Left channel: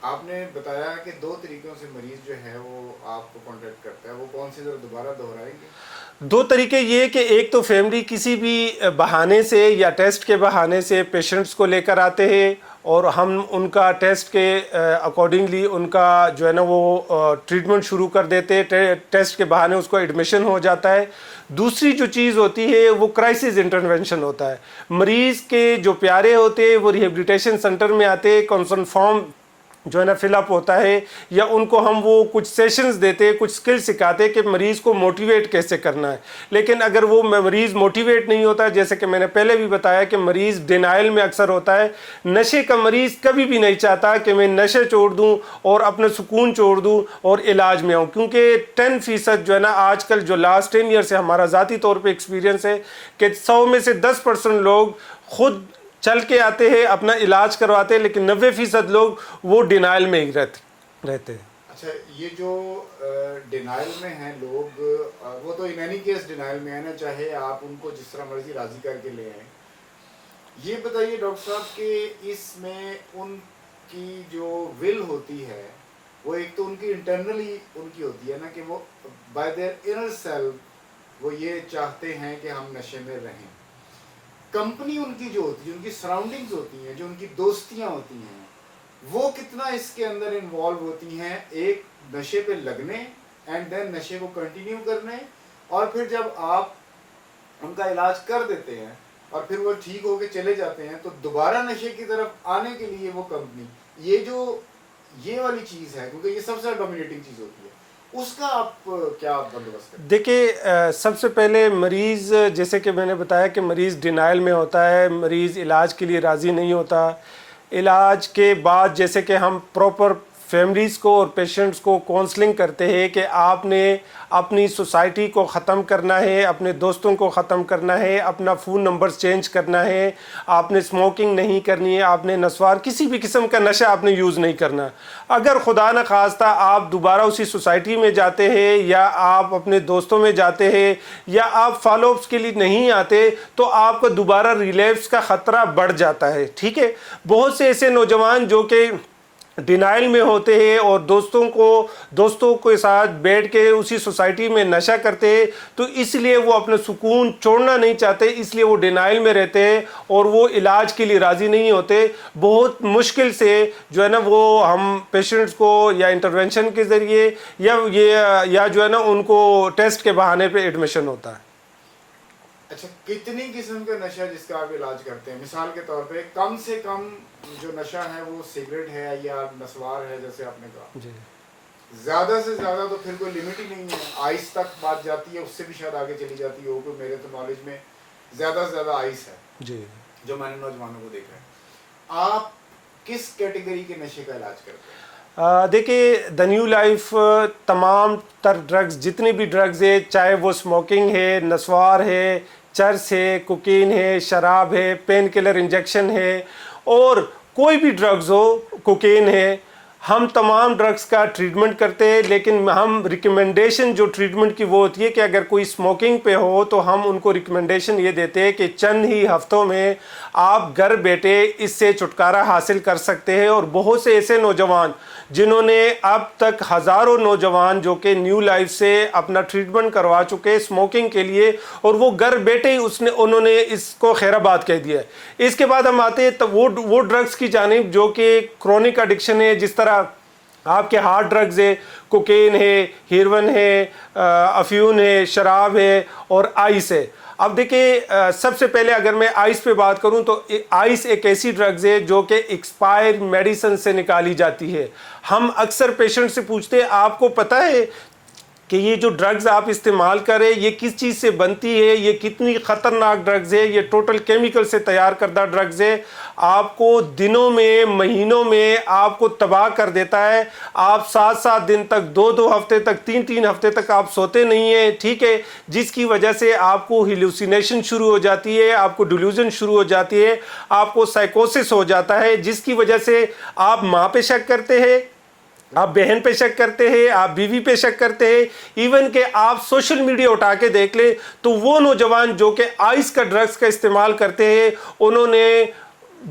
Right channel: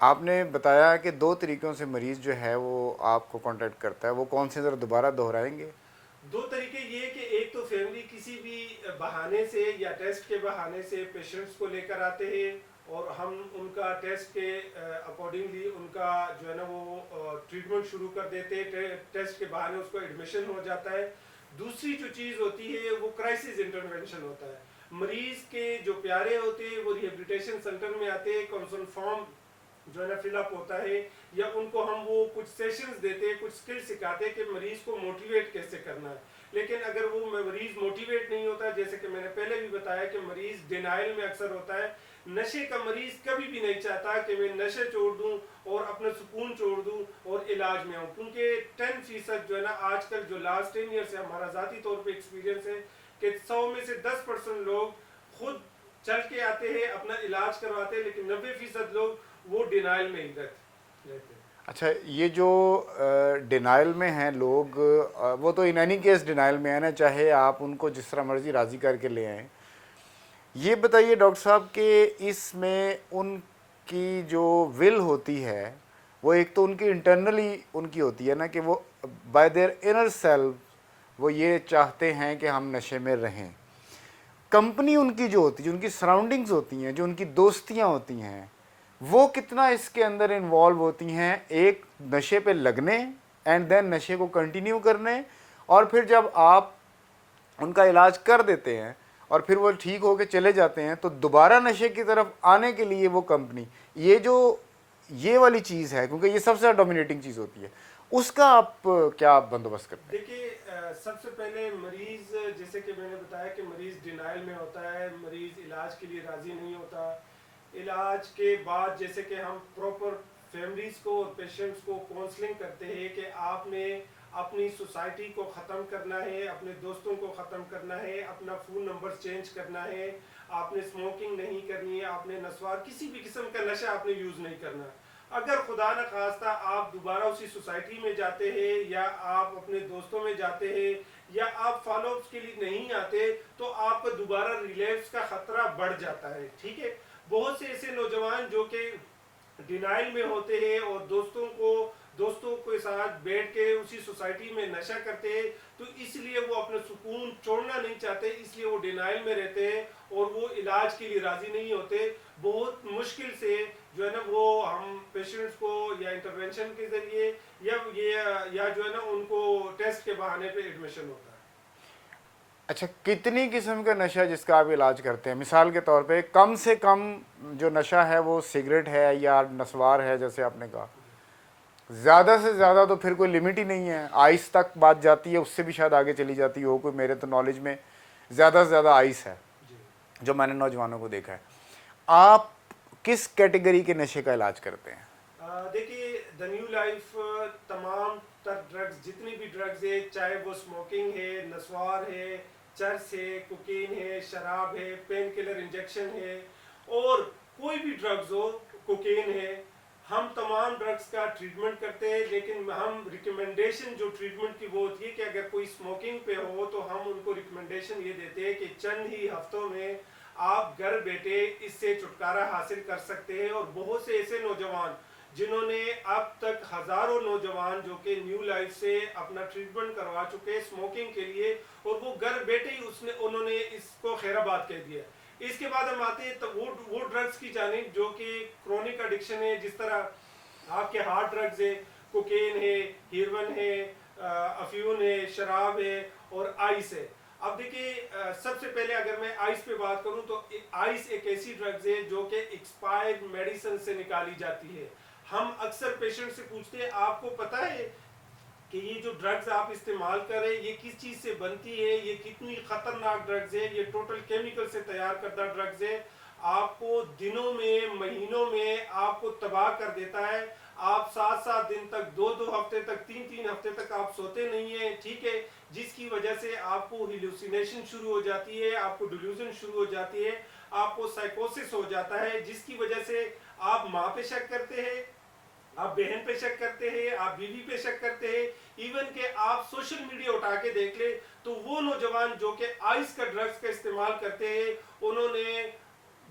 آپ نے بتایا کہ 2 طریقوں سے مریض جو ہے وہ آپ کو کانٹیکٹ کرتا ہے، وہ کون سے ذرا دوبارہ دہرائیں گے؟ 2 طریقے یہ کہ ایک تو فیملی کسی بھی بہانے سے یا ٹیسٹ کے بہانے سے پیشنٹس کو لے کر آتے ہیں اور ہم ان کا ٹیسٹ کے اکارڈنگلی ان کا جو ہے نا وہ ٹریٹمنٹ شروع کر دیتے ہیں، ٹیسٹ کے بہانے اس کو ایڈمیشن ہو جاتا ہے۔ دوسری جو چیز ہوتی ہے وہ کرائسس انٹرونشن ہوتا ہے، مریض کے جو پیارے ہوتے ہیں وہ ریہیبلیٹیشن سینٹر میں آتے ہیں، کنسرن فارم جو ہے نا فل اپ ہوتا ہے، یا ان کو ہم وہ کچھ سیشنز دیتے، کچھ سکل سکھاتے کہ مریض کو موٹیویٹ کیسے کرنا ہے۔ لیکن اگر وہ مریض موٹیویٹ نہیں ہوتا، جیسے کہ میں نے پہلے بھی بتایا کہ مریض ڈینائل میں اکثر ہوتا ہے، نشے کا مریض کبھی بھی نہیں چاہتا کہ میں نشے چھوڑ دوں اور اپنا سکون چھوڑ دوں اور علاج میں آؤں، کیونکہ 10% جو ہے نا آج کل جو لاسٹ 10 ایئر سے ہمارا ذاتی طور پہ ایکسپیرینس ہے کہ 100 میں سے 10% لوگ خود چل کے آتے ہیں، اپنا علاج کرواتے ہیں، لیکن 90% لوگ وہ ڈینائل میں ہی رہتے ہیں۔ اچھا، یہ جو ڈینائل میں ہیں لوگ، وہ تو ان اینی کیس ڈینائل میں ہیں نا، چاہے آپ ان کو جس طرح مرضی راضی کر کے لے آئیں۔ یہ بتائیے ڈاکٹر صاحب کہ اس میں ان کی جو ول ہوتی ہے وہ ایک تو ان کی انٹرنلی ان کی ہوتی ہے نا کہ وہ بائی دیئر انر سیلف وہ یہ چاہتے ہیں کہ ہم نشے میں رہیں۔ کمپنی ان کی جو ہوتی ہے، جو ان کی سراؤنڈنگز ہوتی ہیں، جو ان کی دوستیاں ہوتی ہیں، وہ کتنا اس کے اندر انوالو ہوتی ہیں ایک نشے پہ لگنے اینڈ دین نشے کو کنٹینیو کرنے، اور پھر جب آپ ان کا علاج کر دیتے ہیں اور پھر وہ ٹھیک ہو کے چلے جاتے ہیں تو دوبارہ نشے کی طرف آنے کے لیے وہ کمپنی یہ والی چیز ہے، کیونکہ یہ سب سے ڈومینیٹنگ چیز ہوتی ہے، اس کا آپ کیا بندوبست کرتے ہیں؟ دیکھیں، سب سے پہلے مریض، جیسے کہ میں نے بتایا کہ مریض ڈینائل میں ہوتا ہے، مریض علاج کے لیے راضی نہیں ہوتا۔ علاج کے بعد جیسے کہ ہم پراپر فیملیز کو اور پیشنٹس کو کونسلنگ کرتے ہیں کہ آپ نے اپنی سوسائٹی کو ختم کرنا ہے، اپنے دوستوں کو ختم کرنا ہے، اپنا فون نمبرز چینج کرنا ہے، آپ نے سموکنگ نہیں کرنی ہے، آپ نے نسوار کسی بھی قسم کا نشہ آپ نے یوز نہیں کرنا۔ اگر خدا نخواستہ آپ دوبارہ اسی سوسائٹی میں جاتے ہیں یا آپ اپنے دوستوں میں جاتے ہیں یا آپ فالو اپس کے لیے نہیں آتے تو آپ کو دوبارہ ریلیپس کا خطرہ بڑھ جاتا ہے، ٹھیک ہے۔ بہت سے ایسے نوجوان جو کہ ڈینائل میں ہوتے ہیں اور دوستوں کے ساتھ بیٹھ کے اسی سوسائٹی میں نشہ کرتے ہیں، تو اس لیے وہ اپنا سکون چھوڑنا نہیں چاہتے، اس لیے وہ ڈینائل میں رہتے ہیں اور وہ علاج کے لیے راضی نہیں ہوتے۔ بہت مشکل سے جو ہے نا وہ ہم پیشنٹس کو یا انٹرونشن کے ذریعے یا جو ہے نا ان کو ٹیسٹ کے بہانے پہ ایڈمیشن ہوتا ہے۔ اچھا، کتنی قسم کا نشہ جس کا آپ علاج کرتے ہیں؟ مثال کے طور پہ کم سے کم جو نشہ ہے وہ سگریٹ ہے یا نسوار ہے جیسے آپ نے کہا، جی زیادہ سے زیادہ تو پھر کوئی لمٹ ہی نہیں ہے، آئس تک بات جاتی ہے، اس سے بھی شاید آگے چلی جاتی ہو کوئی، میرے تو نالج میں زیادہ سے زیادہ آئس ہے جی۔ جو میں نے نوجوانوں کو دیکھا ہے۔ آپ کس کیٹیگری کے نشے کا علاج کرتے ہیں؟ دیکھیے، دا نیو لائف تمام تر ڈرگز، جتنی بھی ڈرگز ہے، چاہے وہ سموکنگ ہے، نسوار ہے، چرس ہے، کوکین ہے، شراب ہے، پین کلر انجیکشن ہے، اور کوئی بھی ڈرگز ہو، کوکین ہے، ہم تمام ڈرگز کا ٹریٹمنٹ کرتے ہیں، لیکن ہم ریکمنڈیشن جو ٹریٹمنٹ کی وہ ہوتی ہے کہ اگر کوئی سموکنگ پہ ہو تو ہم ان کو ریکمنڈیشن یہ دیتے ہیں کہ چند ہی ہفتوں میں آپ گھر بیٹھے اس سے چھٹکارا حاصل کر سکتے ہیں۔ اور بہت سے ایسے نوجوان جنہوں نے اب تک ہزاروں نوجوان جو کہ نیو لائف سے اپنا ٹریٹمنٹ کروا چکے سموکنگ کے لیے، اور وہ گھر بیٹھے ہی انہوں نے اس کو خیر آباد کہہ دیا ہے۔ اس کے بعد ہم آتے ہیں تو وہ ڈرگز کی جانب جو کہ کرونک ایڈکشن ہے، جس طرح آپ کے ہارڈ ڈرگز ہے، کوکین ہے، ہیروئن ہے، افیون ہے، شراب ہے اور آئس ہے۔ اب دیکھیں، سب سے پہلے اگر میں آئس پہ بات کروں تو آئس ایک ایسی ڈرگز ہے جو کہ ایکسپائر میڈیسن سے نکالی جاتی ہے۔ ہم اکثر پیشنٹ سے پوچھتے ہیں آپ کو پتہ ہے کہ یہ جو ڈرگز آپ استعمال کریں یہ کس چیز سے بنتی ہے، یہ کتنی خطرناک ڈرگز ہے، یہ ٹوٹل کیمیکل سے تیار کردہ ڈرگز ہے، آپ کو دنوں میں مہینوں میں آپ کو تباہ کر دیتا ہے۔ آپ 7 دن تک، 2 ہفتے تک، 3 ہفتے تک آپ سوتے نہیں ہیں، ٹھیک ہے، جس کی وجہ سے آپ کو ہیلوسینیشن شروع ہو جاتی ہے، آپ کو ڈیلیوژن شروع ہو جاتی ہے، آپ کو سائیکوسس ہو جاتا ہے، جس کی وجہ سے آپ ماں پہ شک کرتے ہیں، آپ بہن پہ شک کرتے ہیں، آپ بیوی پہ شک کرتے ہیں، ایون کہ آپ سوشل میڈیا اٹھا کے دیکھ لیں تو وہ نوجوان جو کہ آئس کا ڈرگز کا استعمال کرتے ہیں، انہوں نے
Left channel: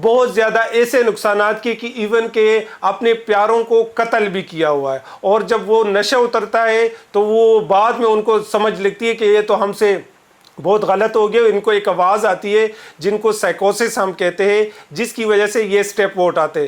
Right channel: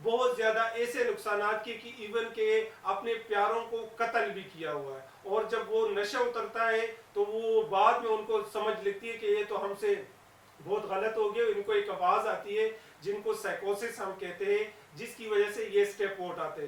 بہت زیادہ ایسے نقصانات کی کہ ایون کہ اپنے پیاروں کو قتل بھی کیا ہوا ہے. اور جب وہ نشہ اترتا ہے تو وہ بعد میں ان کو سمجھ لگتی ہے کہ یہ تو ہم سے بہت غلط ہو گیا. ان کو ایک آواز آتی ہے جن کو سائیکوسس ہم کہتے ہیں, جس کی وجہ سے یہ سٹیپ وہ اٹھاتے ہیں.